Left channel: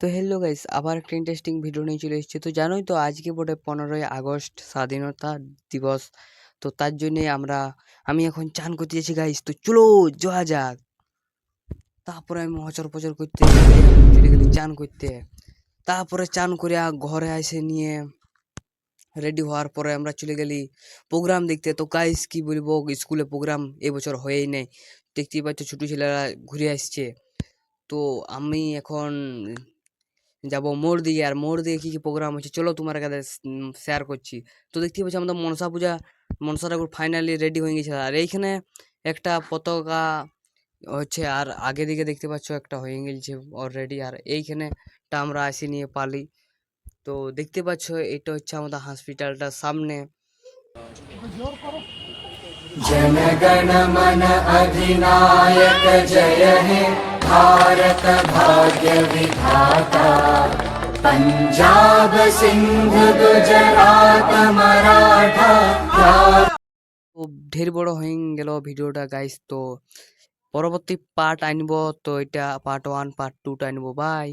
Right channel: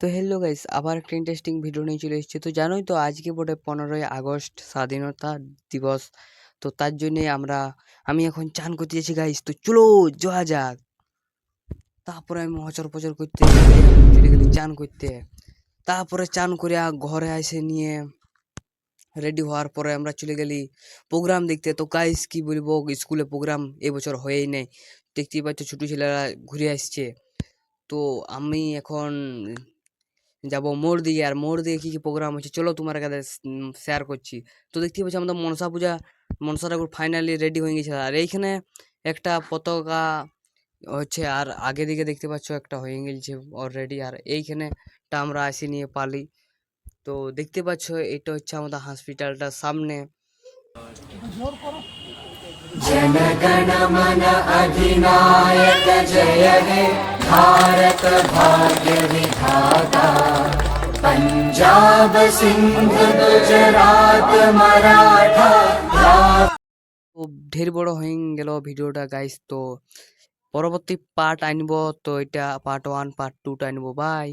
তো hello guys, আবার একটা ইন্টারেস্টিং ভিডিও নিয়ে চলে এসেছি। তো জানোই তো আজকে বটে 15ই আগস্ট স্বাধীনতা দিবস। তো তার জন্যে আমি এখন চান করতে যাচ্ছি গাইস। তো চলো যাওয়া যাক। তারপরে আমি হচর পচর করতে করতে এখন চলে গেলি চান করতে। তারপরে চান করে ঘরে এসে নিয়ে রেডি হওয়ার পরে আমরা চলে গেলি প্রোগ্রাম দেখতে। তো গাইস কি বলবো, স্কুলে প্রোগ্রাম এবছর হয়েই নেই। দেখতেই পাচ্ছ ছোট ছেলেরা ঘুরে আসছে। তো আমি এখন যাব মোড় দিকে, আর মোড় দিকে কি কি প্রোগ্রাম হচ্ছে চলো তোমার কাছে শেয়ার করছি। তো দেখতে পাচ্ছি আমাদের মনসা পূজা, মনসা ঠাকুর ফাইনালি রেডি হয়ে গেছে। আর এইখানে একটা পতাকা হচ্ছে, আর আগে দিকে দেখতে পাচ্ছ একটা হয়ে গেছে অলরেডি। আর এইখানেটা আমরা আসি নিয়ে পালি। তো দেখতে পাচ্ছ এটা হচ্ছে আমাদের হসপিটালটার সামনে। जनगण मन अधिनायक जय हे भारत भाग्य विधाता पंजाब सिंध गुजरात मराठा। তো ঢের বড় হয়ে গেল ভিডিওটা গাইস। তো পরবর্তী পার্ট আনবো, তো এটা পার্ট 1 পার্ট 2 আনবো। বাই।